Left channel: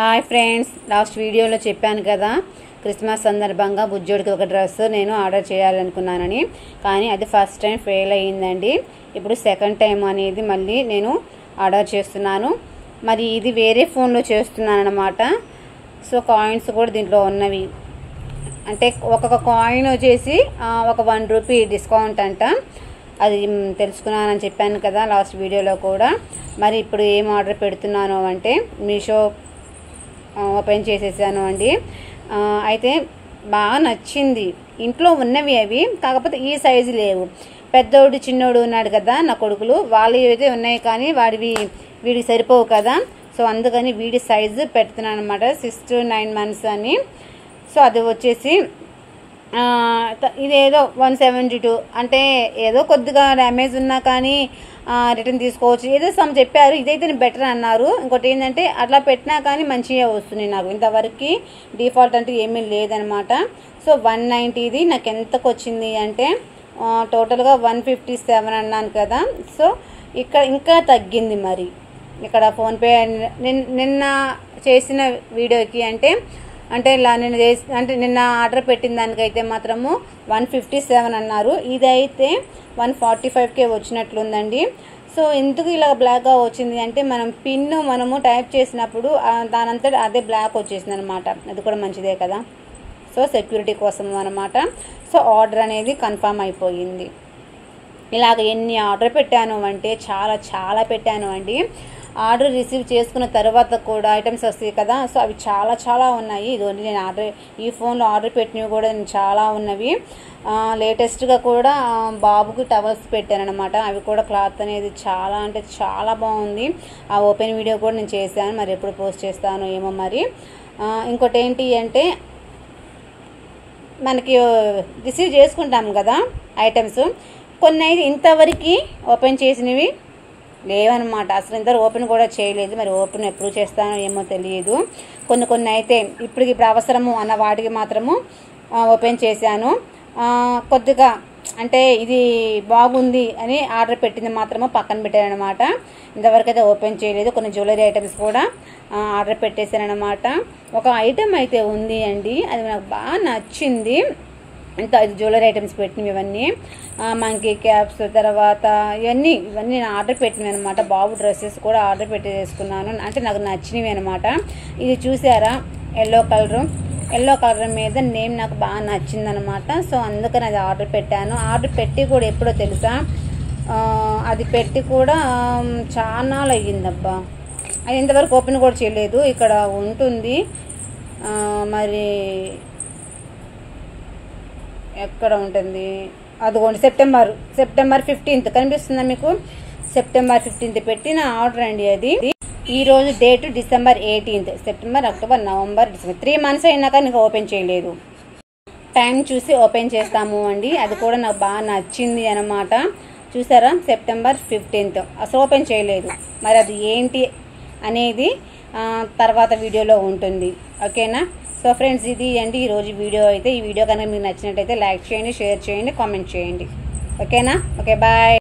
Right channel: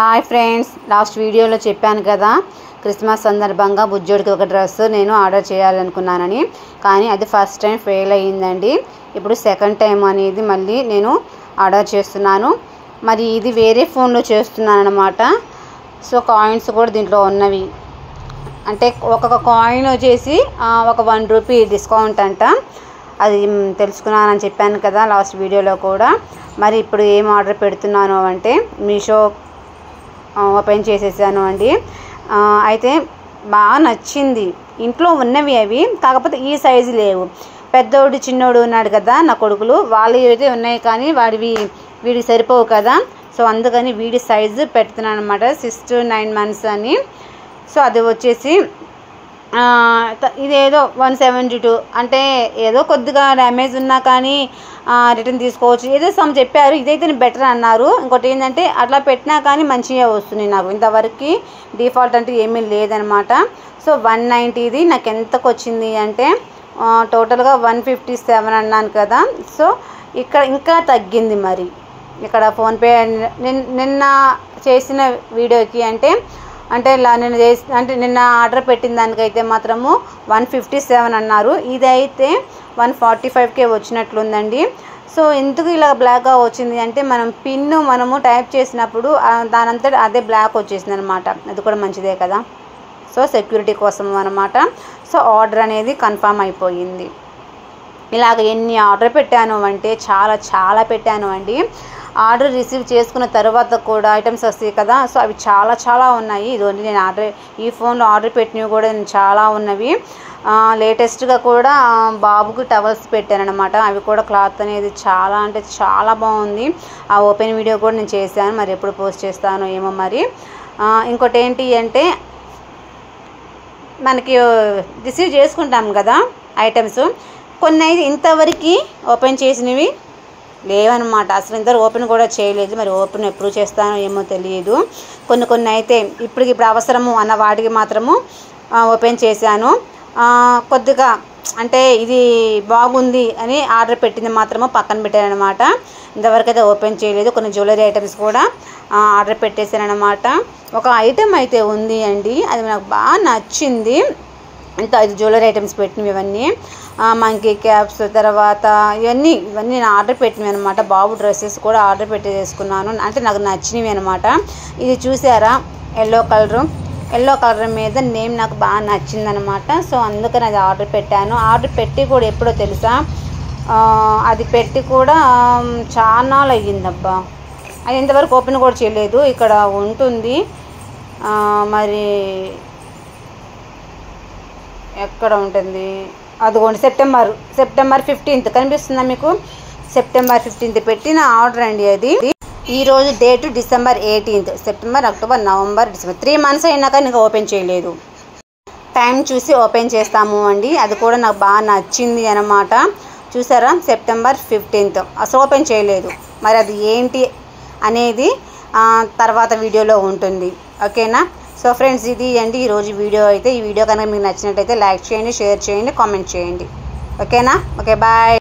Hi friends, last వీడియోలో చెప్పాను కదా క్రిస్మస్ సందర్భంగా బుజ్జోడికి ఒక డ్రెస్ నేను ఆర్డర్ చేయాలనుకున్నానని. కానీ అది ఫస్ట్ టైం ఫెయిల్ అయ్యిందండి. ఇప్పుడు సెకండ్ టైం అనేది మళ్ళీ నేను ఆర్డర్ చేస్తున్నాను. మరి ఇది వేరే ఫోన్లో చేస్తున్నాను అన్నమాట. సో కాయిన్స్ కూడా దీంట్లో ఉన్నవి. అంటే ఒక్కొక్క కాయిన్ వచ్చేసి ఒక 1 రూపీ డిస్కౌంట్ అంట. అది తెలుసుకున్నానని చెప్పాను కదా లాస్ట్ వీడియోలో కూడా. మరి ఇప్పుడు ఏం ఆర్డర్ పెడుతున్నాను అంటే మీషో ఓపెన్ చేసేసాను అండి. అయితే బాగా నచ్చింది. ఇంట్లో ఉన్నవి అవి, కాకపోతే ఈ సైజు లేవు. పెద్దోడు చిన్నోడు ఉన్నాడు కదా నా కొడుకులు, వాళ్ళు అయితే ఉన్నాయి కానీ వీడికి సరిపోవు కదా. సో అందుకని వీడి సైజు పెడుతున్నాను అనమాట, 6 to 9 months అని. సో అది వచ్చేసి ఇదేదో 172, అంటే ఏదో కొద్దిగా డ్యామేజ్ ఉన్నా కానీ రిటర్న్ తీసుకోవచ్చు ఏదో సమ్ చెప్పారు. ఇదైతే బెటర్ అన్నారు. ఇంకోటి ఏంటంటే అట్లా పెట్టినా కానీ మంచిగా వస్తుంది నాకు. ఇంతవరకు డిఫాల్ట్ అంటే ఏమీ లేదనమాట. సో 190 నాకు ఎంతకు వచ్చింది అంటే టోటల్గా 157 అన్నాను కదా. సో ఇక్కడ ఇంకా తగ్గింది. మరి ఇక్కడ ఫోన్పే నిన్న చేసిన వీడియోకి నిన్న ఆర్డర్ పెట్టిన దానికైతే మాత్రము 157 అన్నారు. ఇదైతే 145కే వచ్చినట్లుందండి. సో ఎందుకు ఇలా బ్లాక్గా వచ్చింది అంటే మనము టైప్ చేసినప్పుడు దానంతట అదే బ్లాక్ వచ్చేసింది అనమాట. అది కూడా మంచిదే కదా. సో సెక్యూరిటీ కోసం అనమాట. సో ఆర్డర్ అనేది కన్ఫర్మ్ అయిపోయింది. ఇలాగ ఎన్ని ఆర్డర్ పెట్టాను అంటే చాలా పెట్టాను అండి. ఆర్డర్ రిసీవ్ చేసుకున్న తర్వాత కూడా ఐటమ్స్ వస్తాయి కదా. సో అవి చాలా ఉన్నాయి. ఇదిగోండి నేను ఈ ఫోన్లో ఆర్డర్ పెట్టినవి కూడా చాలా ఉన్నవి. లేటెస్ట్గా కూడా బాబుకి టవల్స్ పెట్టాను అనమాట. అవి కూడా క్లాత్ అనేది చాలా బాగుంది. ఆ ఓపెన్ వీడియో కూడా నేను చేశాను. మరి ఎప్పుడు పోస్ట్ చేస్తానో ఏమో మరి. ఇంకోటి ఏంటి అంటే మనకి రిసీవ్ చేసుకుంటాం కదా ఐటమ్స్, కొన్ని అయితే ఇంతవరకు ఓపెన్ చేసినవి లేవన్నమాట. అసలు ఇంత ఓపెన్ కూడా చేయలేదు. మరి ఓపెన్ ఎప్పుడు చేస్తానో ఏమో తెలియదు. కొన్ని అయితే ఇప్పుడు అవసరము అన్న వాటికి మాత్రము ఓపెన్ చేశాను. కొద్దిగా అంటే ఇది బాగుంది అని ఆర్డర్ పెట్టింది మాత్రము పక్కన పెట్టానమాట. ఇంతవరకు అయితే ఓపెన్ చేయలేదు. కొన్ని జ్యువెలరీ ఐటమ్స్ కూడా ఆర్డర్ పెట్టేశానమాట. ఒక ఐటెం అయితే ఉంది అండి, అది నాకు బాగా నచ్చింది. ఇంత 5 జ్యువెలరీ ఐటమ్స్ పెట్టినవి ఇవన్నీ, మంకీ క్యాప్స్, తర్వాత ఇవన్నీ నేను ఆర్డర్ పెట్టినవి అనమాట. బాబు డ్రెస్సెస్ కూడా ఆర్డర్ పెట్టేసుకున్నాను. అంటే నాకు నచ్చినవి అనమాట. ఇది చూసారా, ఎల్లో కలర్ మీద నేమ్ నాకు బాగా నచ్చిందనమాట. సో అందుకని అది ఆర్డర్ పెట్టాను. ఆర్డర్ పెట్టి కూడా ఎప్పుడో తెలుసా, అది పెట్టి కూడా చాలా అయ్యిందబ్బా. అది ఇంతవరకు ఓపెన్ కూడా చేయలేదు. ఇక్కడ ఉంటుంది మరి ఎక్కడ ఉంటుంది, అదిగోండి సెప్టెంబర్ 15th కనిపిస్తుందా మీకు? సెప్టెంబర్ 15th పెట్టిన ఆర్డర్ అండి అది. ఈరోజు date December 18th. September, October, November, December 3 months అయినా కానీ ఇంకా ఓపెన్ చేయలేదు. టైం చూసి ఓపెన్ చేస్తాము అండి. అది కూడా నాకు బాగా నచ్చింది అనమాట. చూసారా, September 15th అసలు ఓపెన్ చేయలేదు. మరి అది ఏంటి అనేది తర్వాత వీడియోలో ఉంటుంది. ఓకేనా? సో ఫ్రెండ్స్, ఇది అండి ఈరోజు వీడియో అయితే. ఈ వీడియో కనుక మీకు నచ్చినట్టయితే లైక్ చేయండి, షేర్ చేయండి, కామెంట్ చేయండి. ఓకేనా? Okay, bye.